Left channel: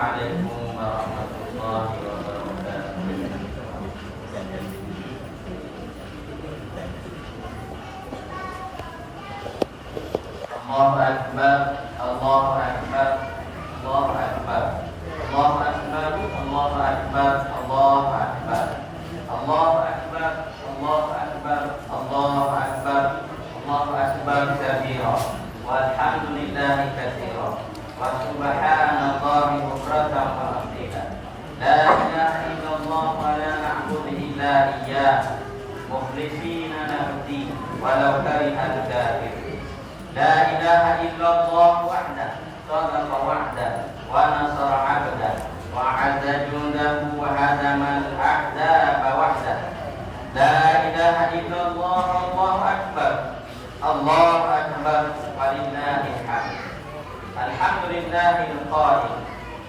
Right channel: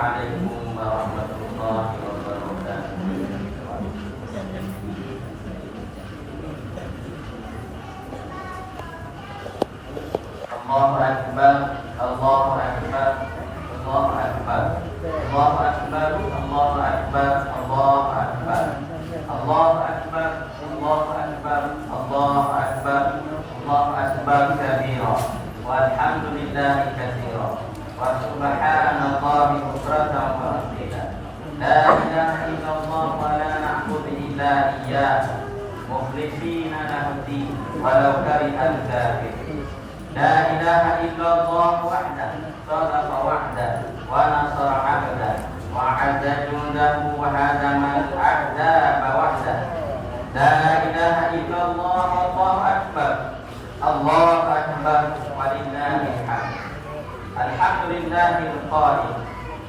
Assalamualaikum warahmatullahi wabarakatuh. Allahu Akbar, Allahu Akbar, Allahu Akbar, Allahu Akbar, Allahu Akbar, Allahu Akbar, Allahu Akbar, Allahu Akbar, Allahu Akbar, Allahu Akbar kabira, walhamdulillahi katsira, wa subhanallahi bukratan wa asila. La ilaha illallah wa la na'budu illa iyyah, mukhlishina lahu din, walau karihal kafirun. La ilaha illallah wahdahu sadaqa wa'dahu wa nasara 'abdahu wa 'azza jundahu wa hadama al-a'daba wahdahu. La ilaha illallah, Allahu akbar, Allahu akbar, walillahil hamd. Alhamdulillahil qa'il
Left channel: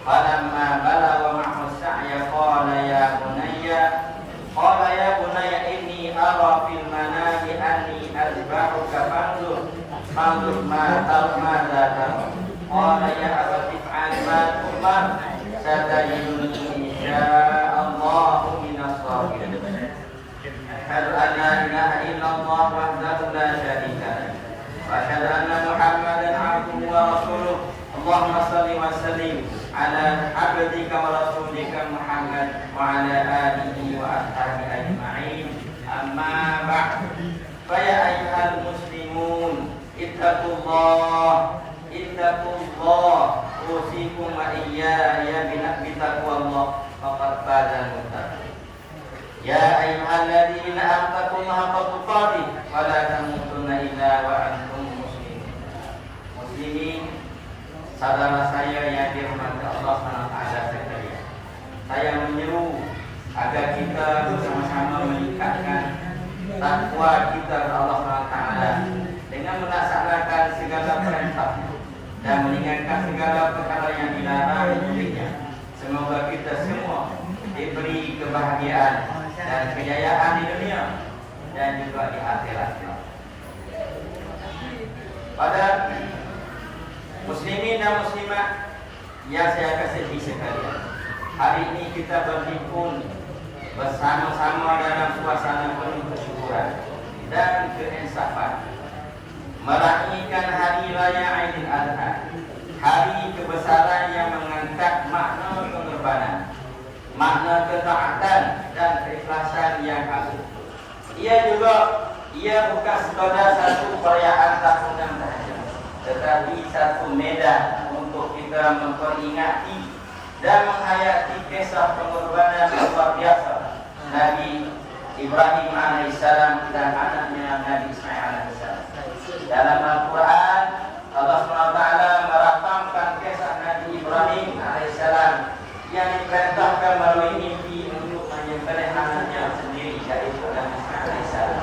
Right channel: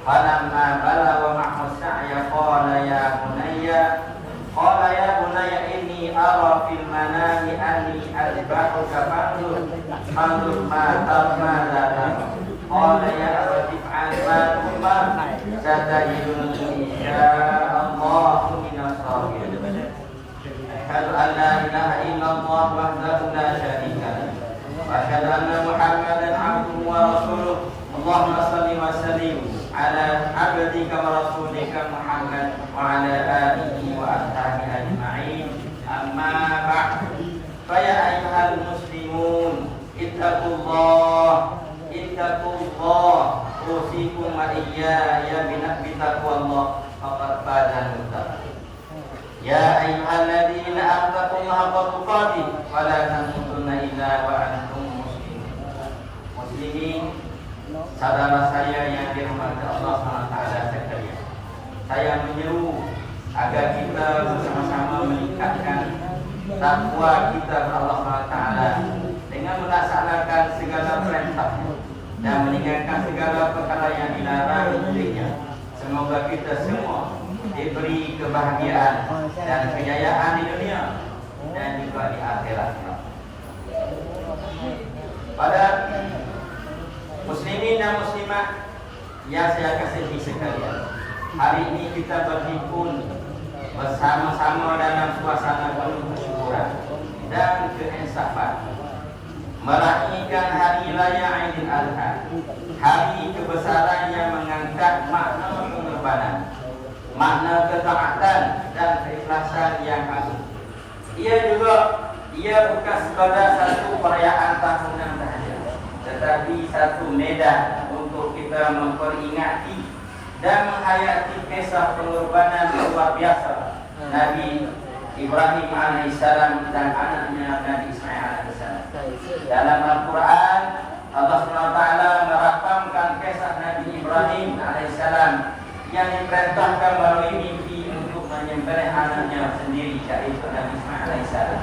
falamma balagha ma'hu as-sa'ya qala ya bunayya inni ara fil manami anni azbahuka fanzur ma tara. Qala ya abati fa'al ma tu'mar satajiduni insya'allahu minas sabirin. Asyhadu an la ilaha illallah wahdahu la syarika lahu wa asyhadu anna Muhammadan 'abduhu wa rasuluh. Allahumma shalli wa sallim ala abdika wa rasulika Muhammad wa ala alihi wa ashabihi ajma'in. Amma ba'd. Fa ya ayyuhal muslimun ittaqullah usikum wa iyaya bitaqwallah faqad fazal muttaqin. Ya ayyuhalladzina attaqullaha haqqa tuqatih wa la tamutunna illa wa antum muslimun. Muslimin, saudara saya yang dirahmati Allah SWT sekalian, saya menyeru agar kita bersama-sama meningkatkan takwa kita kepada Allah SWT dengan melaksanakan segala perintah dan meninggalkan segala perkara yang dilarang olehnya. Semoga kita semua diberi kebahagiaan dan kejayaan di dunia dan juga di akhirat. Pada muslimin dan muslimat yang saya kasihi sekalian, hari ini kita berhimpun bersama-sama dalam suasana penuh kesyukuran dan keinsafan, meraihkan hari raya Aidil Adha, hari kebesaran yang mengangkat makna pengorbanan, makna ketaatan dan keikhlasan yang agung. Ia bukan sebagai satu perayaan tahunan sahaja, tetapi satu medan untuk kita memperingati dan menghayati kisah pengorbanan yang luar biasa Nabi Ibrahim alaihissalam dan anaknya Nabi Ismail alaihissalam. Dalam Al-Quran, Allah SWT merakamkan kisah Nabi Ibrahim alaihissalam yang diperintahkan melalui mimpi untuk menyembelih anaknya sendiri, yaitu Nabi Ismail alaihissalam.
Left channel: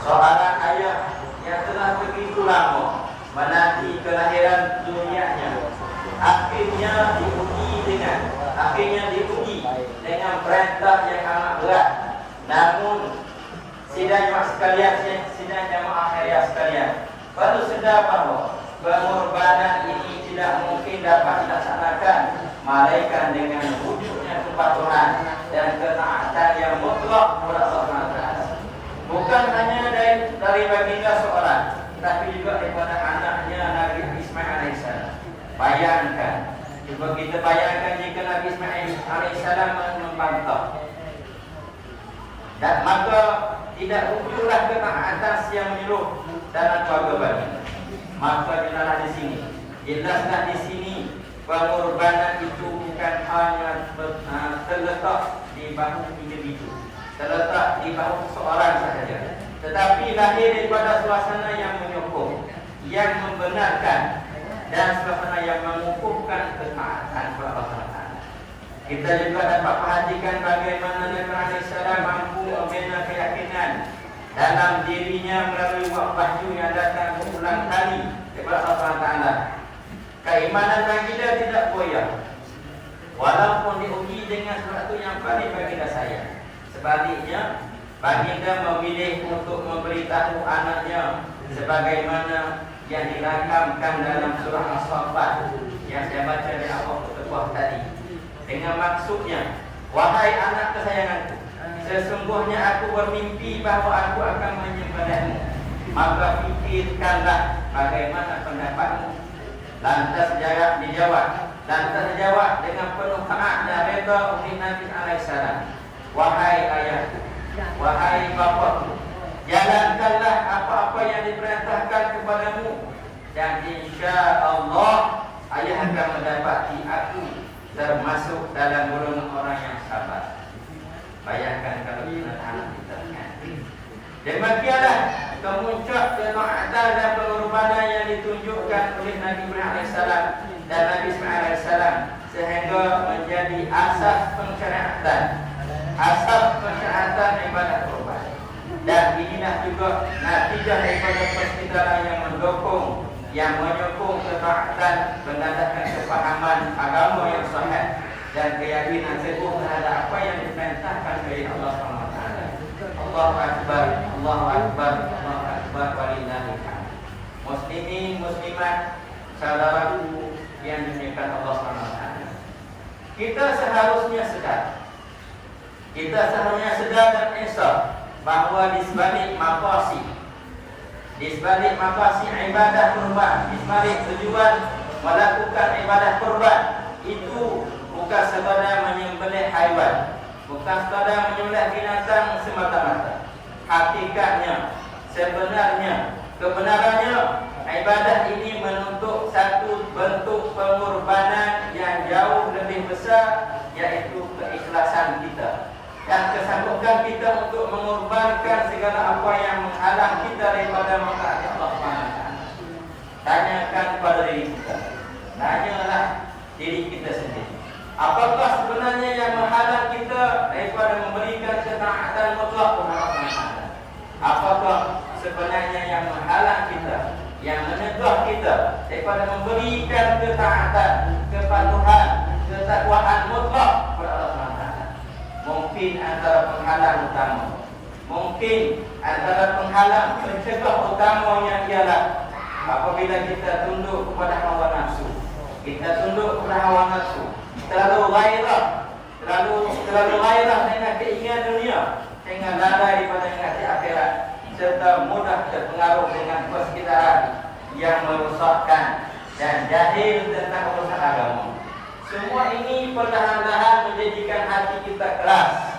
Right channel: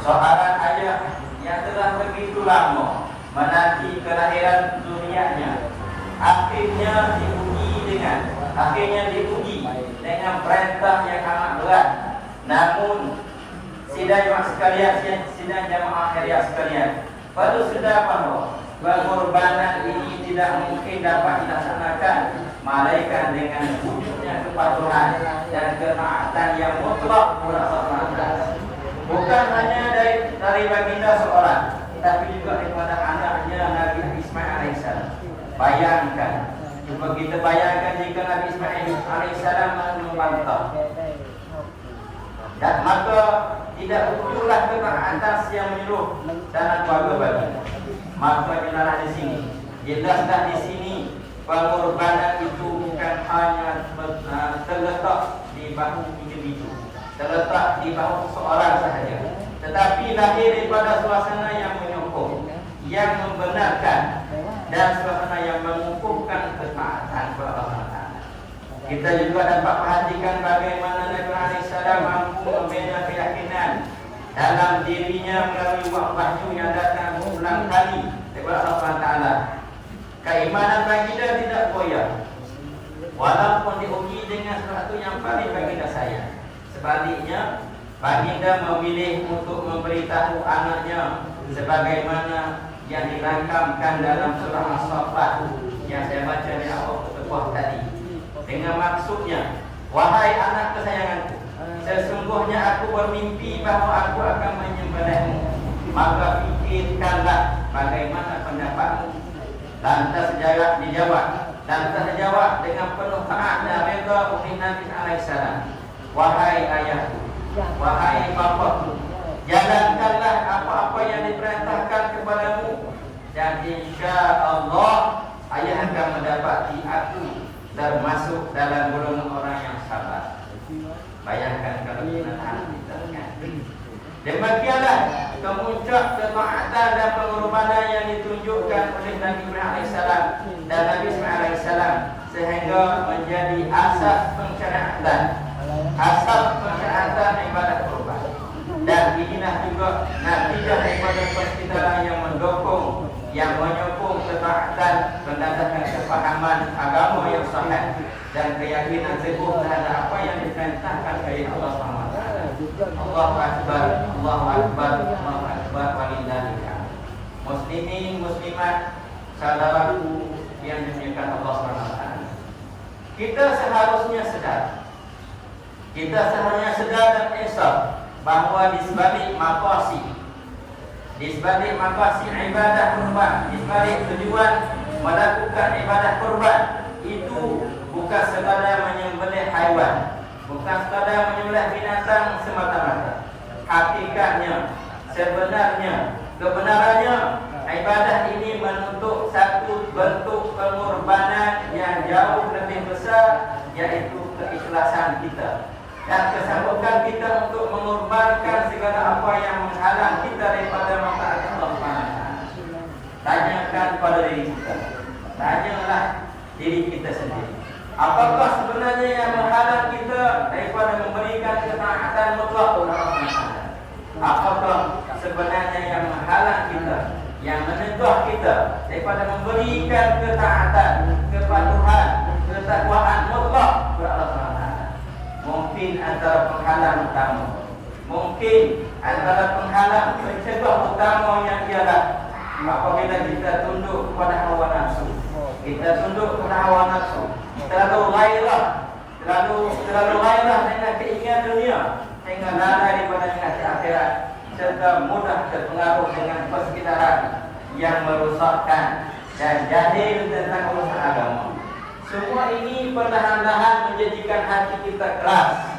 Seorang ayah yang telah begitu lama menanti kelahiran dunianya, akhirnya diuji dengan perintah yang amat berat. Namun sidang jamaah sekalian, perlu sedar bahawa pengorbanan ini tidak mungkin dapat dilaksanakan malaikat dengan wujudnya kepatuhan dan ketaatan yang mutlak kepada Allah. Bukan hanya dari baginda seorang, tapi juga daripada anaknya Nabi Ismail alaihissalam. Bayangkan, cuba kita bayangkan jika Nabi Ismail alaihissalam membantah, dan maka tidak muncullah ketaatan yang menyeluruh dalam keluarga baginda. Maka jelaslah di sini pengorbanan itu bukan hanya terletak di bahu individu, terletak di bahu seorang sahaja, tetapi lahir daripada suasana yang menyokong, yang membenarkan, dan suasana yang mengukuhkan ketaatan kepada Allah. Kita juga dapat perhatikan bagaimana Nabi alaihissalam mampu membina keyakinan dalam dirinya melalui wahyu yang datang berulang kali daripada Allah Taala. Keimanan baginda tidak goyah walaupun diuji dengan sesuatu yang paling baginda sayang. Sebaliknya, baginda memilih untuk memberitahu anaknya sebagaimana yang dirakamkan dalam surah As-Saffat, yang saya baca di awal khutbah tadi, dengan maksudnya, wahai anak kesayanganku, sesungguhnya aku bermimpi bahawa aku akan menyembelihmu, maka fikirkanlah bagaimana pendapatmu. Lantas dijawab dengan penuh taat dan redha oleh Nabi alaihissalam, wahai ayahku, wahai bapaku, jalankanlah apa-apa yang diperintahkan kepadamu, dan insya Allah ayah akan mendapati aku termasuk dalam golongan orang yang sabar. Bayangkan kalau kita tahan kita kan. Demikianlah kemuncak ketaatan dan pengorbanan yang ditunjukkan oleh Nabi Ibrahim alaihissalam dan Nabi Ismail alaihissalam, sehingga menjadi asas pensyariatan ibadah kurban. Dan inilah juga natijah daripada persekitaran yang mendukung, yang menyokong ketaatan, mendapatkan kefahaman agama yang sahih dan keyakinan teguh terhadap apa yang diperintahkan oleh Allah SWT. Allahu Akbar, Allahu Akbar, Allahu Akbar, walillahil hamd. Muslimin, muslimat, saudaraku yang dimuliakan Allah SWT, kita seharusnya sedar dan insaf bahawa di sebalik maqasid ibadah kurban, di sebalik tujuan melakukan ibadah kurban itu bukan sekadar menyembelih haiwan, bukan sekadar menyembelih binatang semata-mata. Hakikatnya, kebenarannya ibadah ini menuntut satu bentuk pengorbanan yang jauh lebih besar, yaitu keikhlasan kita dan kesanggupan kita untuk mengorbankan segala apa yang menghalang kita daripada mentaati Allah SWT. Tanyakan pada diri kita, tanyalah diri kita sendiri, apakah sebenarnya yang menghalang kita daripada memberikan ketaatan mutlak kepada Allah SWT? Apakah sebenarnya yang menghalang kita, yang menyegah kita daripada memberikan ketaatan, kepatuhan, ketakwaan mutlak kepada Allah SWT? Mungkin antara penghalang pencegah utamanya ialah apabila kita tunduk kepada hawa nafsu. Terlalu gairah dengan keinginan dunia, sehingga lalai daripada mengasih akhirat, serta mudah terpengaruh dengan persekitaran yang merosakkan dan jahil tentang urusan agama. Semua ini perlahan-lahan menjadikan hati kita keras.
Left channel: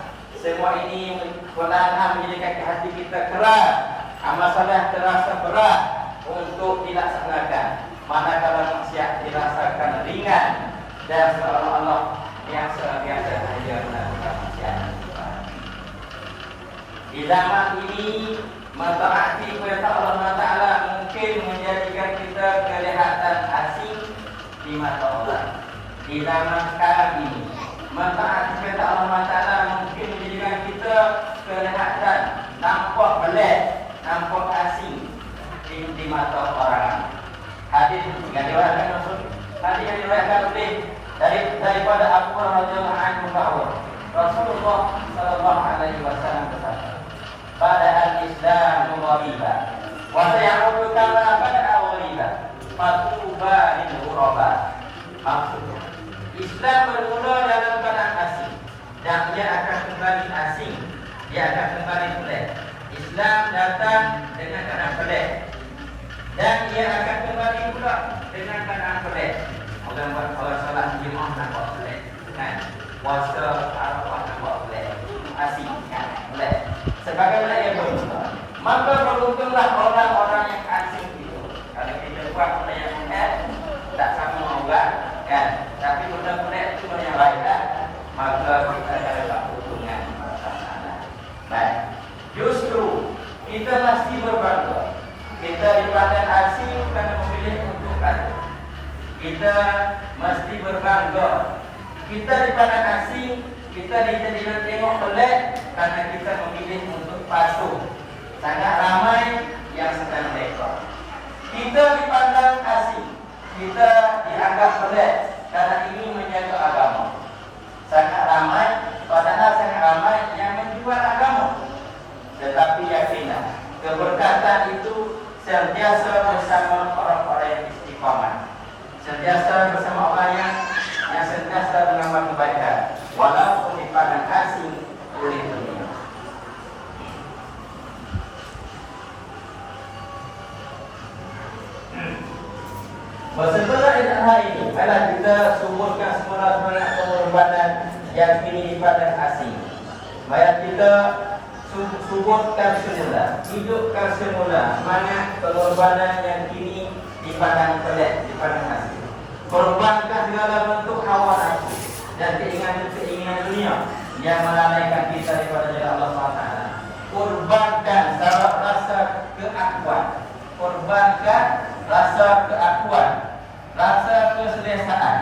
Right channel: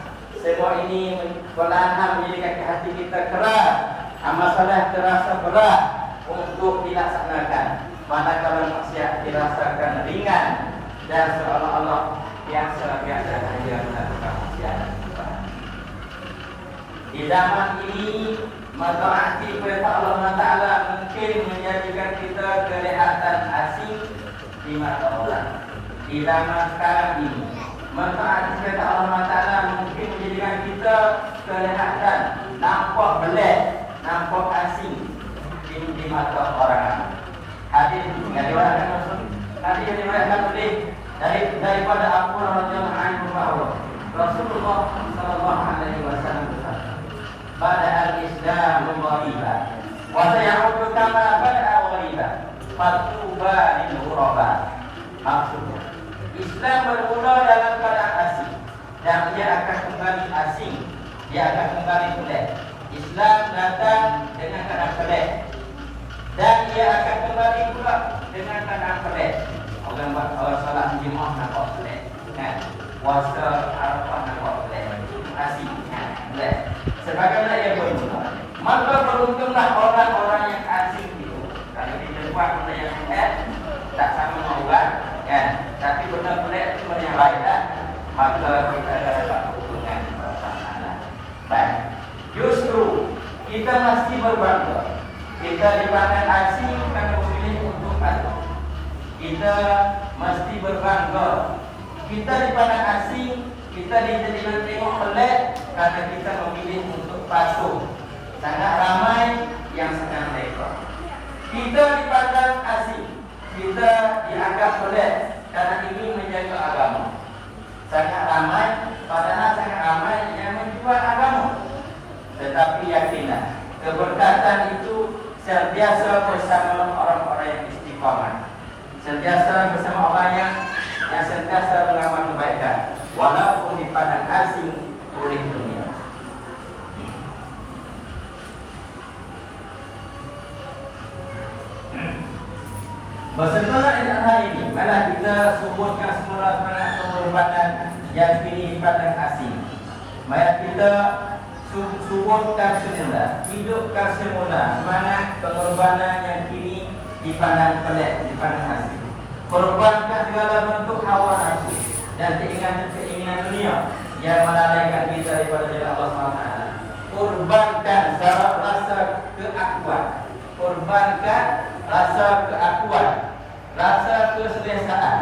Masalah terasa berat untuk dilaksanakan, manakala maksiat dirasakan ringan dan seolah-olah yang biasa saja melakukan maksiat. Di zaman ini, mentaati perintah Allah Taala mungkin menjadikan kita kelihatan asing di mata orang. Di zaman sekarang ini, mentaati perintah Allah Taala mungkin menjadikan kita kelihatan nampak belah, nampak asing di mata orang. Hadis yang diriwayatkan oleh daripada Abu radhiyallahu anhu bahwa Rasulullah sallallahu alaihi wasallam bersabda, "Pada al-Islam ghariba wa sayaudu kama bada'a ghariba, fatuba lil ghuraba." Maksudnya, Islam bermula dalam keadaan asing dan ia akan kembali asing, ia akan kembali pelik. Islam datang dengan keadaan pelik dan ia akan kembali pula dengan keadaan pelik. Orang salat jemaah nampak pelik, kan? Puasa Arafah nampak pelik, asing, kan? Pelik. Sebagaimana ia bermula. Maka beruntunglah orang-orang yang asing itu. Kalau kita buat benda yang pelik, tak sama membuat, kan? Tapi benda pelik itu benda yang lain, kan? Maka kita dapat keuntungan perasaan. Baik. Justru kita mesti berbangga. Kita dipandang asing kerana memilih untuk patuh. Kita mesti berbangga. Kita dipandang asing, kita dijadikan tengok pelik kerana kita memilih untuk patuh. Sangat ramai yang sedang mereka. Kita dipandang asing, kita dianggap pelik kerana ini menjaga agama. Sangat ramai, padahal sangat ramai yang menjual agama. Tetapi yakinlah, keberkatan itu sentiasa bersama orang-orang yang istiqamah. sentiasa bersama orang yang sentiasa dalam kebaikan, walaupun di padang asing oleh dunia. Bersama dengan hal ini, malah kita suburkan semula semangat pengorbanan yang kini di padang asing. Mari kita suburkan semula, hidupkan semula semangat pengorbanan yang kini di padang pelik, di padang asing. Korbankan segala bentuk hawa nafsu dan keinginan dunia yang melalaikan kita daripada jalan Allah SWT. Korbankan rasa keakuan, korbankan rasa keakuan, rasa keselesaan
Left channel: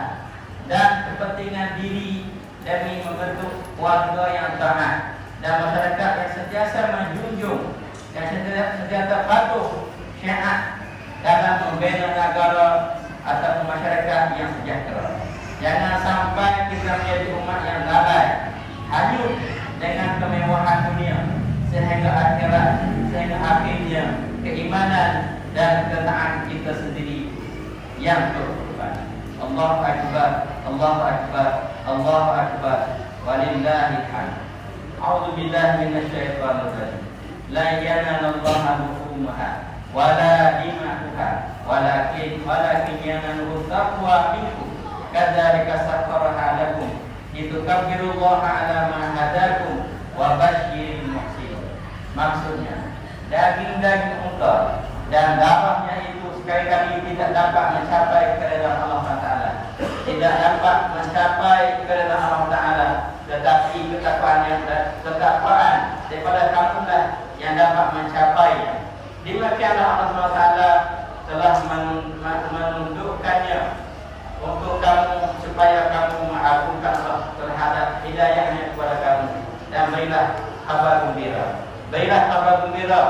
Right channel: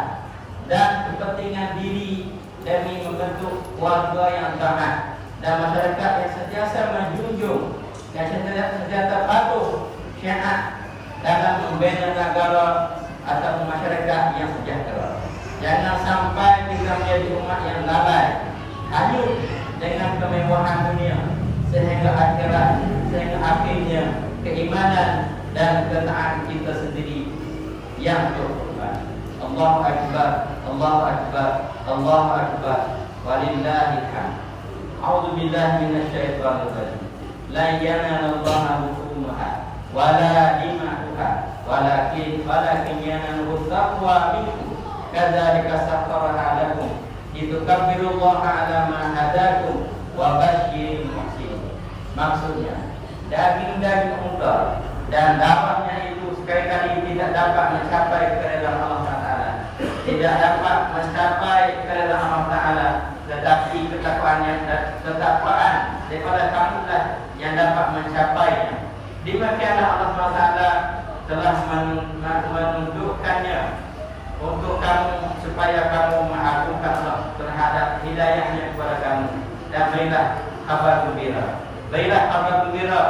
dan kepentingan diri demi membentuk keluarga yang selamat dan masyarakat yang sentiasa menjunjung dan sentiasa patuh syiar dalam membina negara atau masyarakat yang sejahtera. Jangan sampai kita menjadi umat yang lalai, hanyut dengan kemewahan dunia sehingga akhirnya keimanan dan ketaatan kita sendiri yang berkorban. Allahu Akbar, Allahu Akbar, Allahu Akbar, walillahil hamd. A'udzu billahi minasyaitonir rajim. La yanalallaha luhumuha wala dima'uha walakin yanaluhu taqwa minkum. Kadzalika sakhkharaha lakum litukabbirullaha 'ala ma hadakum wa basyiril muhsinin. Maksudnya, daging-daging unta dan darahnya itu sekali-kali tidak dapat mencapai kepada Allah Taala. Tidak dapat mencapai kepada Allah Taala, tetapi ketakwaan daripada kamulah yang dapat mencapainya. Demikianlah Allah Taala telah menunjukkannya untuk kamu supaya kamu mengagungkan Allah terhadap hidayahnya kepada kamu. Dan berilah kabar gembira, berilah kabar gembira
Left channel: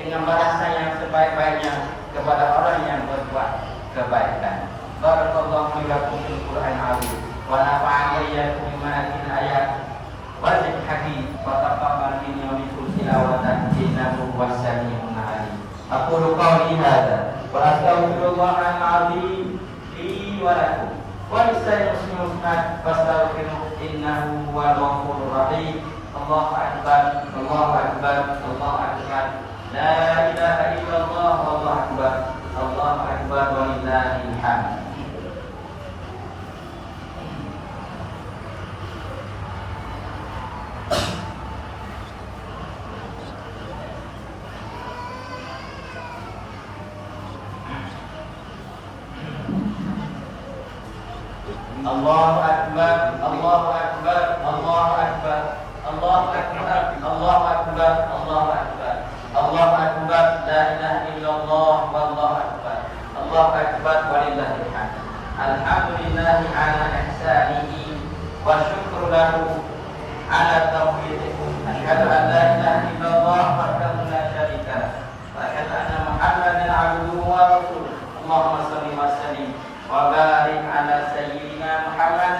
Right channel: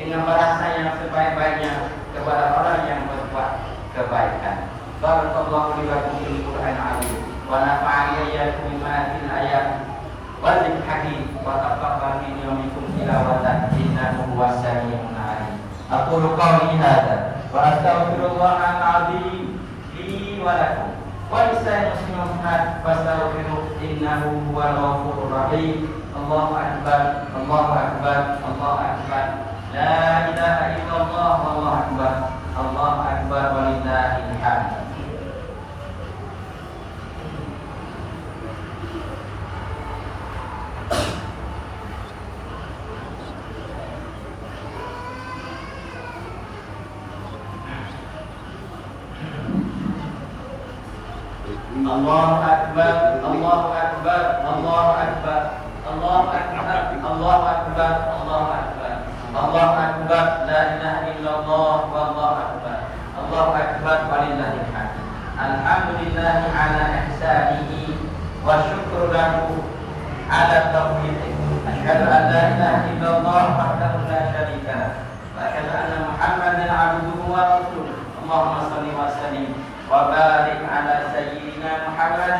dengan balasan yang sebaik-baiknya kepada orang yang berbuat kebaikan. Barakallahu lakum fil Qur'anil azim wa nafa'ani iyyakum bima fihi ayat wa dzikril hakim wa taqabbal minni wa minkum tilawatan innahu huwas sami'ul 'alim. Aqulu qawli hadza wa astaghfirullaha al-'azim li wa lakum wa lisa'il muslimin fastaghfiruhu innahu huwal ghafurur rahim. Allahu akbar, Allahu akbar, Allahu akbar. La ilaha illallah, Allahu akbar, Allahu akbar, walillahil hamd. Allahu akbar, Allahu akbar, Allahu akbar, Allahu akbar, Allahu akbar, Allahu akbar, Allahu akbar, la ilaha illallah, wallahu akbar, Allahu akbar, walillahil hamd. Alhamdulillah ala ihsanihi wa syukru lahu ala taufiqihi. Asyhadu an la ilaha illallah wahdahu la syarika lahu wa asyhadu anna Muhammadan 'abduhu wa rasuluh. Allahumma shalli wa sallim wa barik ala sayyidina Muhammad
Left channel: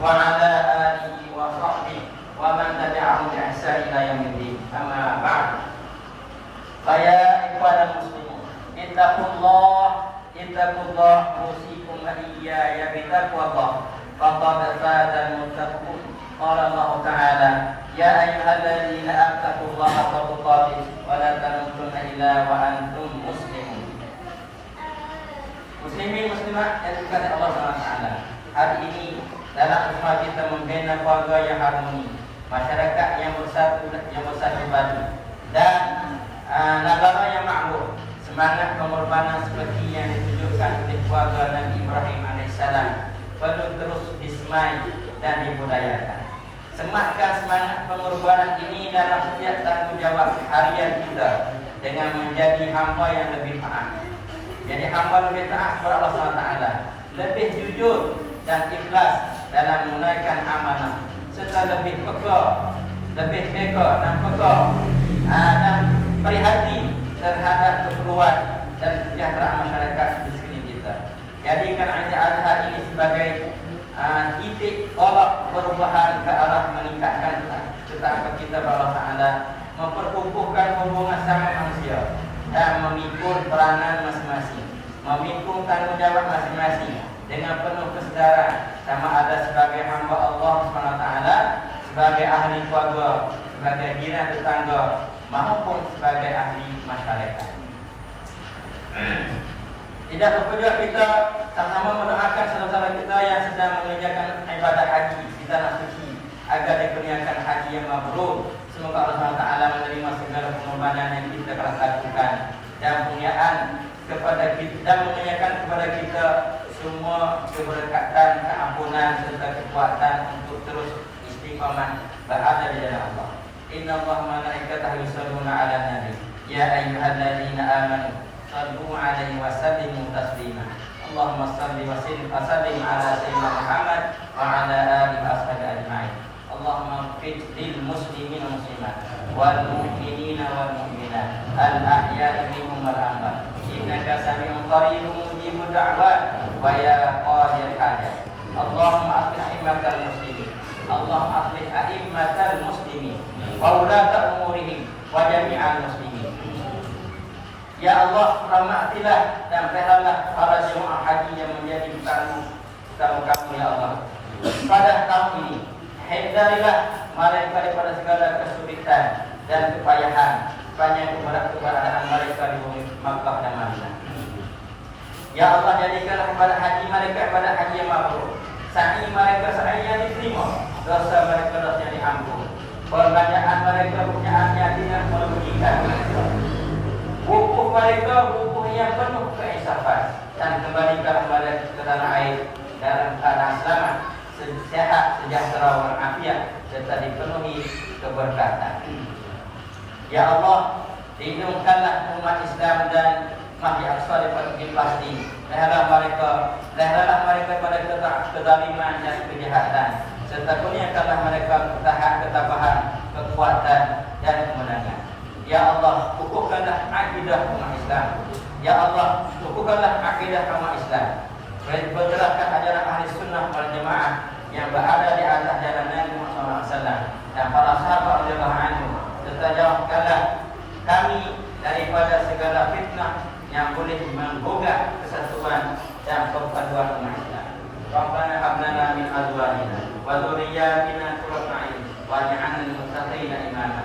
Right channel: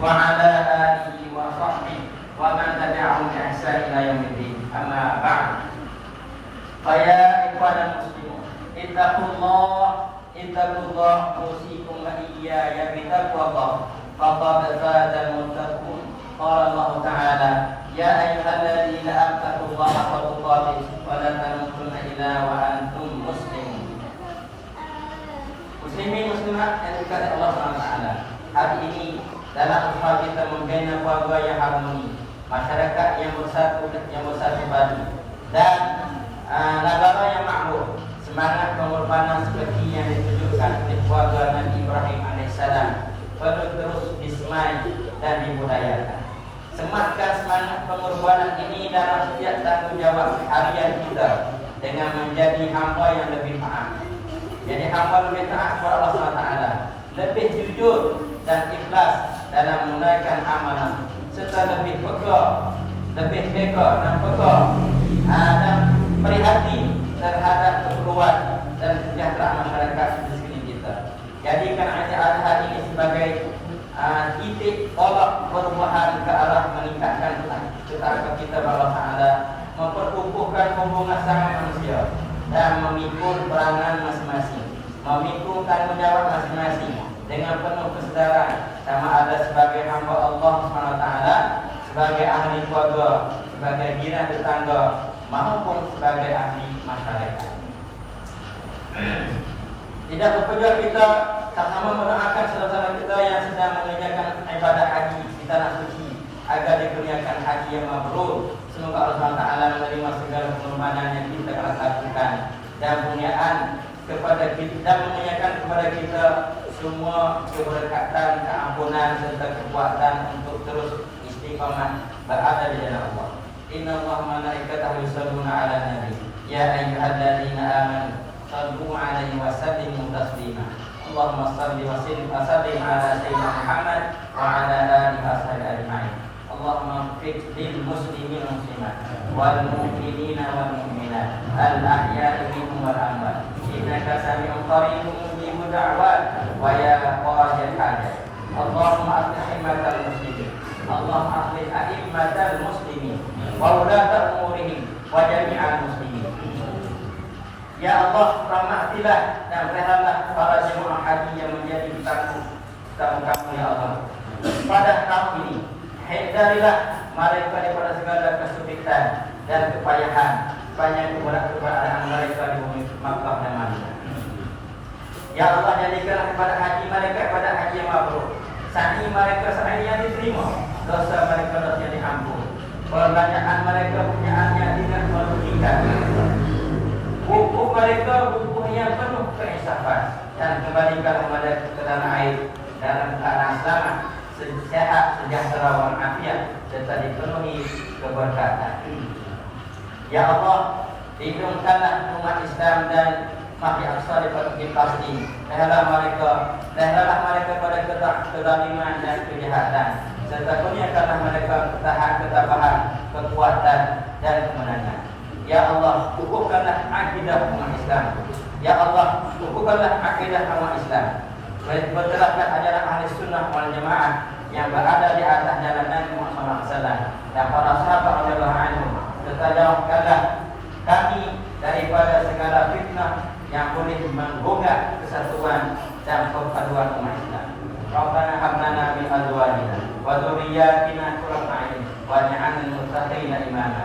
wa ala alihi wa sahbihi wa man tabi'ahum bi ihsan ila yaumiddin. Amma ba'd. Ya ikhwan muslimin, ittaqullah usikum wa iyaya bi taqwallah. Faqad fazal muttaqun. Qala Allah Ta'ala, ya ayyuhalladzina attaqullaha haqqa tuqatih wa la tamutunna illa wa antum muslimun. Muslimin muslimat yang dikasihi Allah SWT, hari ini dalam usaha kita membina keluarga yang harmoni, masyarakat yang bersatu padu, dan negara yang makmur, semangat pengorbanan seperti yang ditunjukkan oleh keluarga Nabi Ibrahim AS perlu terus disemai dan dibudayakan. Sematkan semangat pengorbanan ini dalam setiap tanggungjawab harian kita dengan menjadi hamba yang lebih taat. Jadi hamba lebih taat kepada Allah SWT, lebih jujur dan ikhlas dalam menunaikan amanah, serta lebih peka dan prihatin terhadap keperluan dan kesejahteraan masyarakat di sekeliling kita. Jadikan acara ini sebagai titik tolak perubahan ke arah meningkatkan ketaatan kita kepada Allah Ta'ala, memperkukuhkan hubungan sama manusia dan memikul peranan masing-masing memikul tanggungjawab masing-masing dengan penuh kesedaran, sama ada sebagai hamba Allah SWT, sebagai ahli keluarga, sebagai jiran tetangga, maupun sebagai ahli masyarakat. Tidak berpejuang kita sama-sama mendoakan saudara-saudara kita yang sedang mengerjakan ibadah haji di tanah suci agar dikurniakan haji yang mabrur. Semoga Allah SWT menerima segala pengorbanan yang kita telah lakukan dan kurniaan kepada kita, dan mengerjakan kepada kita semua keberkatan, keampunan serta kekuatan untuk terus istiqamah berada di jalan Allah. Inna Allah malaikatahu yusalluna 'alan nabi ya ayyuhalladzina amanu sallu 'alaihi wa sallimu taslima. Allahumma salli wa sallim ala sayyidina Muhammad wa ala alihi wa sahbihi ajma'in. Allahumma ighfir lil muslimin wal muslimat wal mu'minina wal mu'minat al ahya'i minhum wal amwat innaka sami'un qaribun mujibud da'wat wa ya qadil hajat. Allahumma aslih himmatal muslimin, Allahumma aslih a'immatal muslimin wa ulata umurihim wa jami'al muslimin. Ya Allah, rahmatilah dan peliharalah para jemaah haji yang menjadi tamu kamu ya Allah. Pada tahun ini, hindarilah mereka daripada segala kesulitan dan kepayahan sepanjang keberadaan mereka di bumi Makkah dan Madinah. Ya Allah, jadikanlah kepada haji mereka pada haji yang mabrur. Sa'i mereka sa'i yang diterima, dosa mereka dosa yang diampun, perbanyakan mereka punyaannya tidak merugikan. Wukuf mereka wukuf yang penuh keinsafan, dan kembalikanlah mereka ke tanah air dalam keadaan selamat, sehat, sejahtera, walafiat, serta dipenuhi keberkatan. Ya Allah, lindungkanlah umat Islam dan Masjid Aqsa di Palestin. Leheralah mereka pada kezaliman dan kejahatan, serta kurniakanlah mereka ketabahan, kekuatan dan kemenangan. Ya Allah, kukuhkanlah akidah umat Islam. Ya Allah, kukuhkanlah akidah umat Islam. Berterapkan ajaran ahli sunnah wal jamaah yang berada di atas jalan Nabi Muhammad SAW dan para sahabat radhiyallahu anhum. Serta jauhkanlah kami daripada segala fitnah yang boleh menggugah kesatuan dan perpaduan umat Islam. Rabbana hab lana min azwajina wa dhurriyyatina qurrata a'yun waj'alna lil muttaqina imama.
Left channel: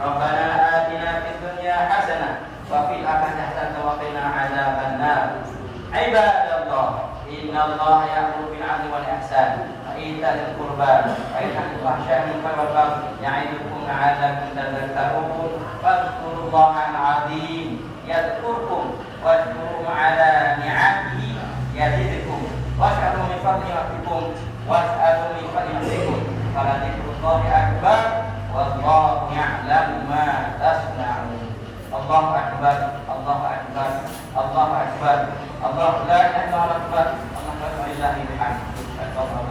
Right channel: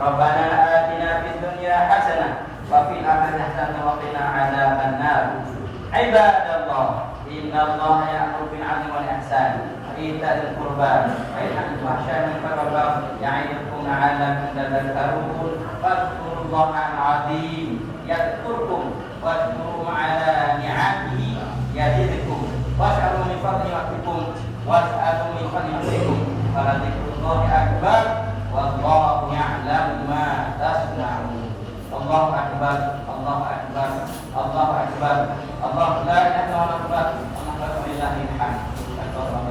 Rabbana atina fid dunya hasanah wa fil akhirati hasanah wa qina adzaban nar. Ibadallah, innallaha ya'muru bil 'adli wal ihsan wa itaa'il qurba wa yanha 'anil fahsya'i wal munkari wal baghi ya'idukum la'allakum tadhakkarun. Fadhkurullaha al-'azim yadhkurkum washkuru 'ala ni'amihi yazidkum wash'alu min fadlihi wa'tikum was'alu min fadlihi fala dzikrullahi akbar wallahu ya'lamu ma tasna'un. Allahu akbar, Allahu akbar, Allahu akbar, Allahu la ilaha illa Allah akbar, Allahu la ilaha illa Allah.